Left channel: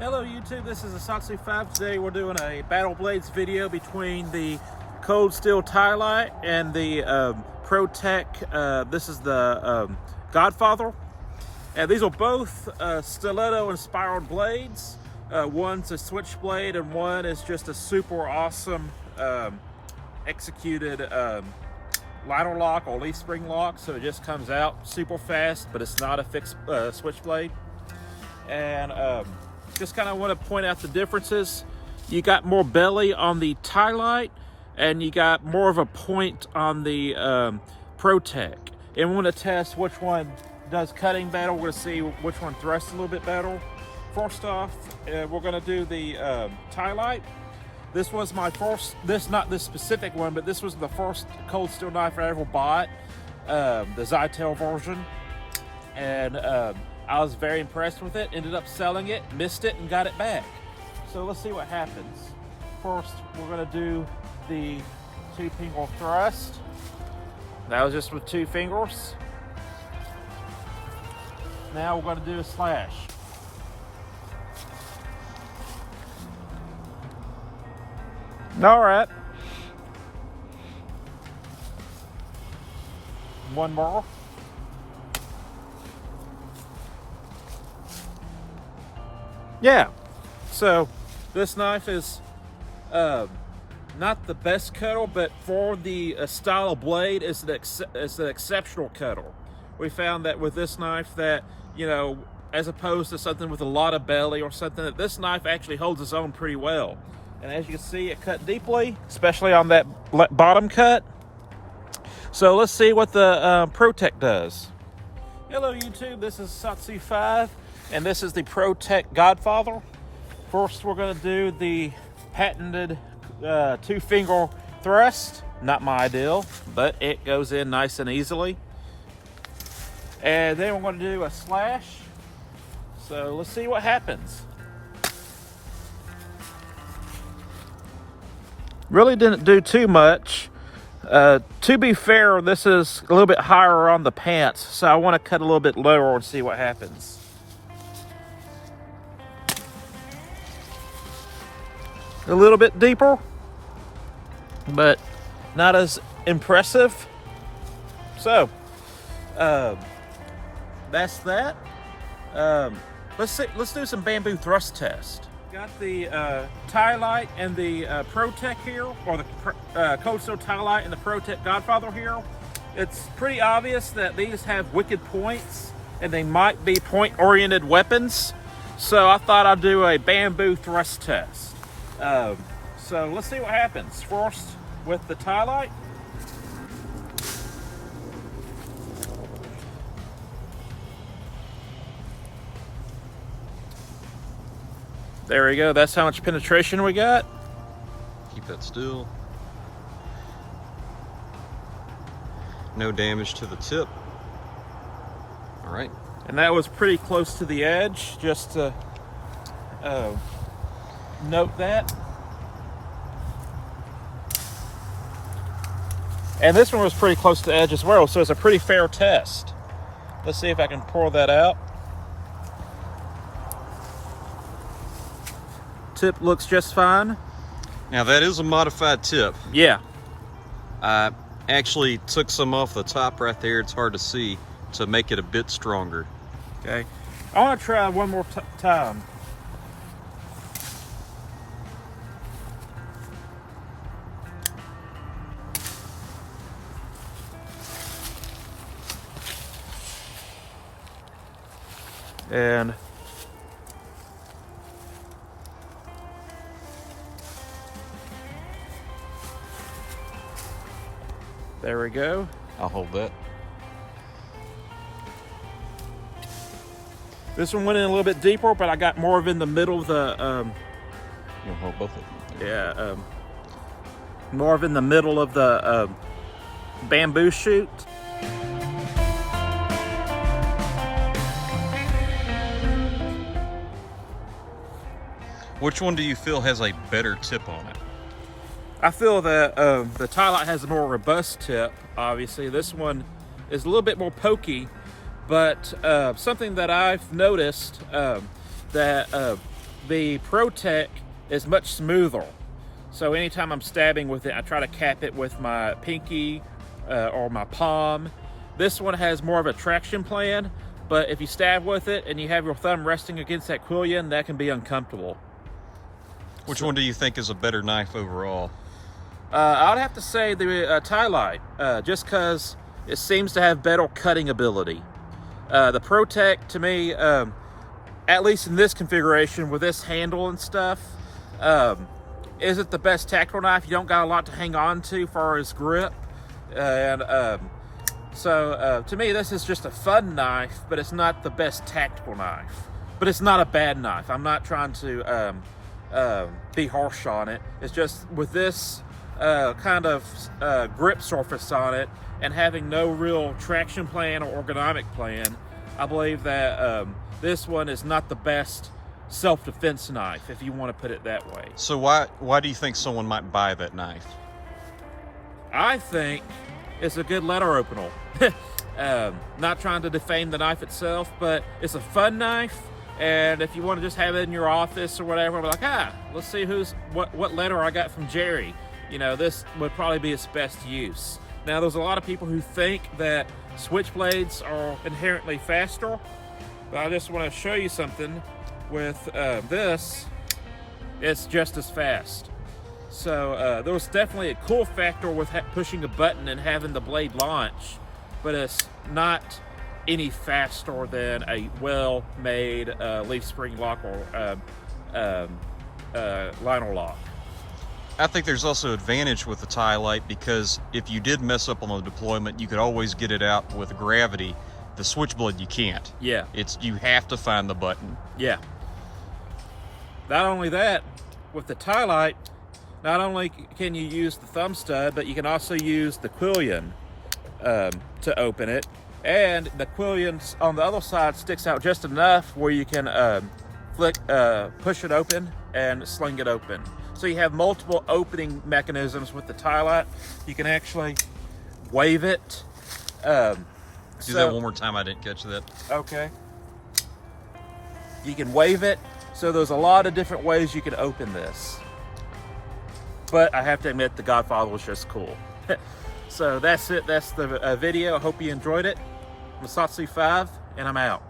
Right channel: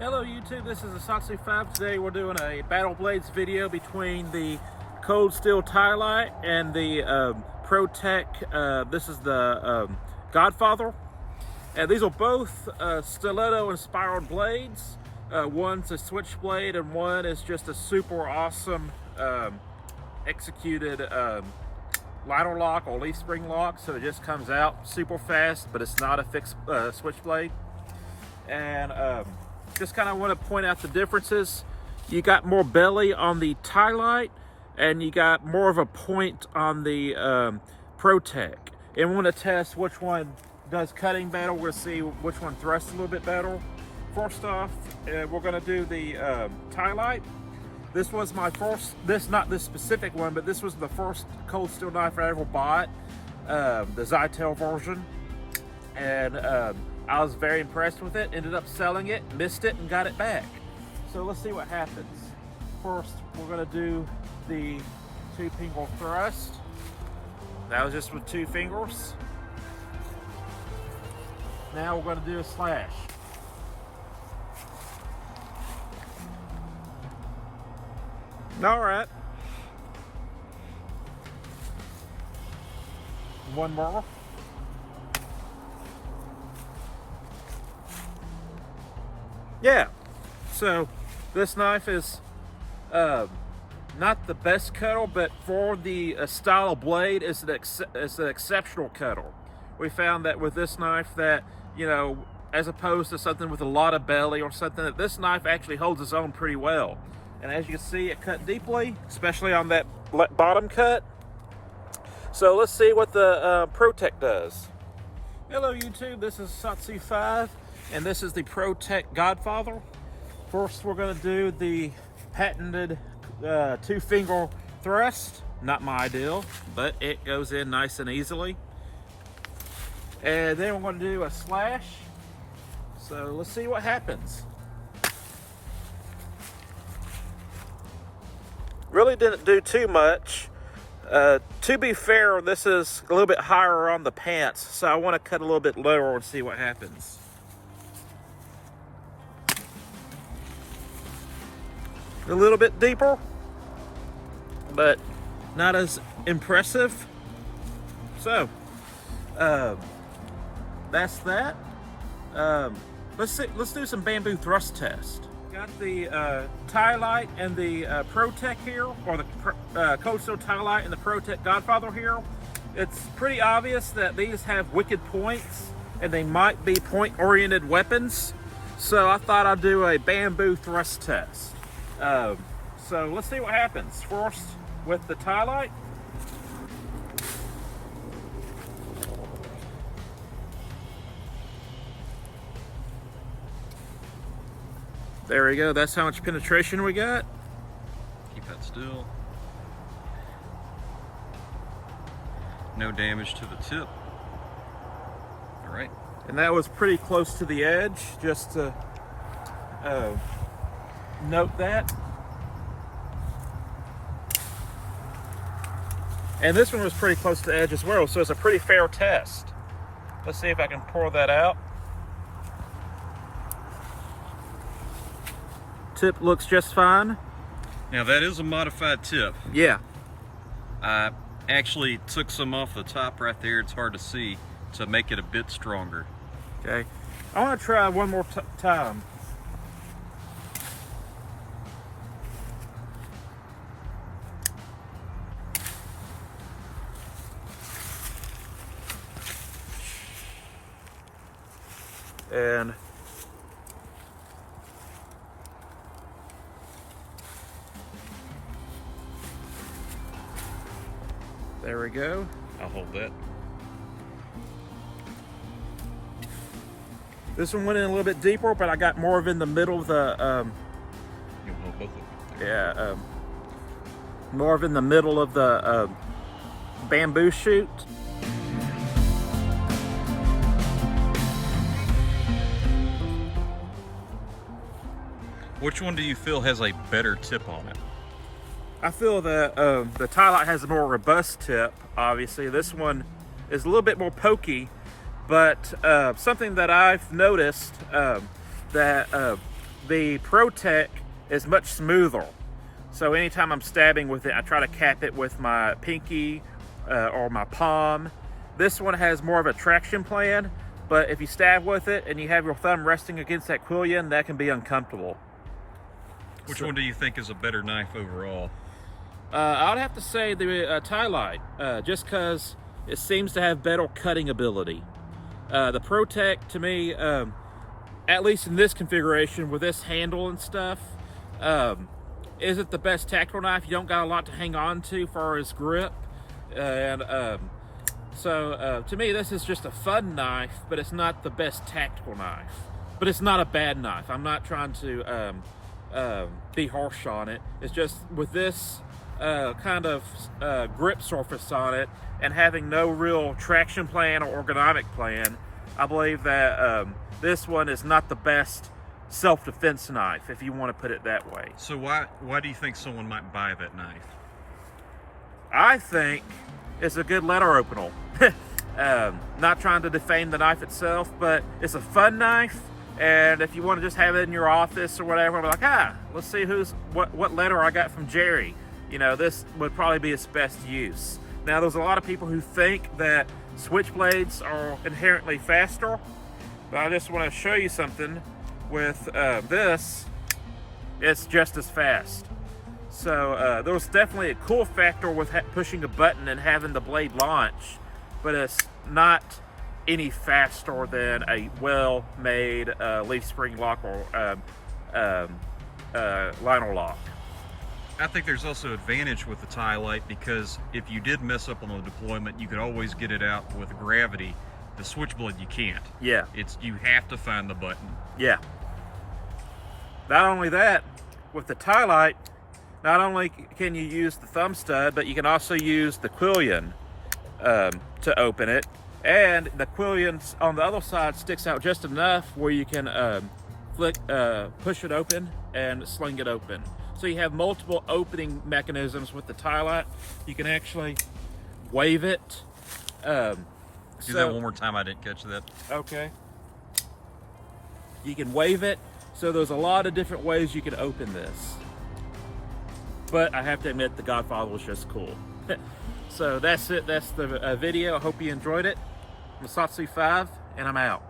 Hello YouTube, this is Ti-Lite. Today we're doing a Battle Blades video between the Cold Steel Ti-Lite and the Protech, this is the Godfather. And these are both stiletto inspired blades. One's a switchblade and one is just a super awesome executed ladder lock or leaf spring lock. So it just comes out super fast, but it's not a fixed switchblade. And just kind of want to point out the differences. You got more belly on the Ti-Lite and you got more of a point on the Protech. And we want to test which one does cutting better. We're going to see which one thrusts a little bit better. First off, we're going to do the Ti-Lite. This was my first, not this specific one, but this was the first cold steel knife I ever bought, the Zytel version. And I was very impressed with it, ended up selling it, missed it, and got it back. So let's see what happens. First, we're gonna do the 2-finger thrust. That was just with 2 fingers. Now we're gonna do a slash. All right. One more. Yeah, so this knife is not the best cutter, but for the style of blade, it's an exceptional cutter. We found that with this knife that, you know, as opposed to something with a lot of belly or something, that this knife actually holds its own pretty well. And as you can see, it cut deeply, especially on that bottom cut. So let's see what the Protech does. Hello YouTube, this is Ti-Lite. And this is the Protech Godfather. First, we're going to do the patented 2-finger thrust. Not my ideal, but it goes in nice and easily. And then we're going to do a slash. So let's see what happens. Really didn't do too much. To be fair, this is a little bit higher on the pants, so I want to cut a little bit lower and see what happens. A little bit deeper, but not as impressive. So that's that. Let's do some bamboo thrust test. Got the Ti-Lite and the Protech here, or the Cold Steel Ti-Lite and the Protech Godfather here. It's pretty obvious that these have wicked points and they might be point-oriented weapons. So I thought I'd do a bamboo thrust test. So let's see what happens. First with the Ti-Lite. There we go. That's how much penetration we got. Keep that still. No damage to the tip. All right. And that was pretty close to the edge, just to note that. And this one was pretty close to the edge as well, so it's a pretty fair test. Let's see if I can pour that out. Tip looks just fine. Now that is a modified tip. Yeah. I actually took some off the top right there, it's hard to see, to make it a bit stronger. Okay. I want to try one more time. And there we go. I'll hold that. This one went in a little bit deeper, but I got more of in the middle of the You'll hold both of them. yeah, more of in the middle of the bamboo shoot. Which one do you feel has a better tip on it? I feel that the Ti-Lite has a more robust tip, obviously. This one is a little bit more pokey, but something that I've noticed that The Protech is much smoother. So anytime I'm stabbing with it, I try to cap it with my pinky or my palm. This one has more of a traction plan, but if you stab with it and you have your thumb resting against that quillion, that can be uncomfortable. Which one do you think is a better knife overall? I would have to say the Ti-Lite, just because it seems to have better cutting ability. The Protech, to me, at least in this configuration with this handle and stuff, isn't the best tactical knife. You don't got a lot to hang on to as far as grip. So to me, this is just a fun knife, but it's not the best tactical knife. But it's not a bad knife. I'm not trying to be harsh on it. It's just with this kind of grip surface on it and having no real traction plan or ergonomic plan, I believe that this one is not the best self-defense knife, if you want to put it that way. So why do you think someone might buy that knife? I think it's a good letter opener. Not trying to defame the knife itself, but it's a fun knife. And if you want to just have it in your office or whatever, be like, let's see what letter I got from Jerry. You know, this would probably be its best use. Now, there's a lot of people who think that switchblades are inherently faster, but I just want to show you something with this. It's just as fast. So there was definitely a cool factor with pushing a button and having the blade launch, but it's not any faster than a well-made leaf spring lock or liner lock. I think there's also advantage with the Ti-Lite because if you did mess up on the deployment, you could always get it out with gravity. The Switchblade, you can't. Yeah. You have to find the button. Yeah. Not only that, with the Ti-Lite, not only can you use the thumb stud, but you can also use the quillion to open it. And the quillion on the other side sticks out just enough where you can push it open and sling it open. So you have multiple opening mechanisms with the Ti-Lite. You can actually wave it. Do that one more time, I didn't catch that. Okay. You can wave it. So there's a lot of different ways you can open this. But I have to admit, the Godfather was just cool. So that's it. That's the video. I hope you enjoyed it. I'm Satsu 5, and I'm out.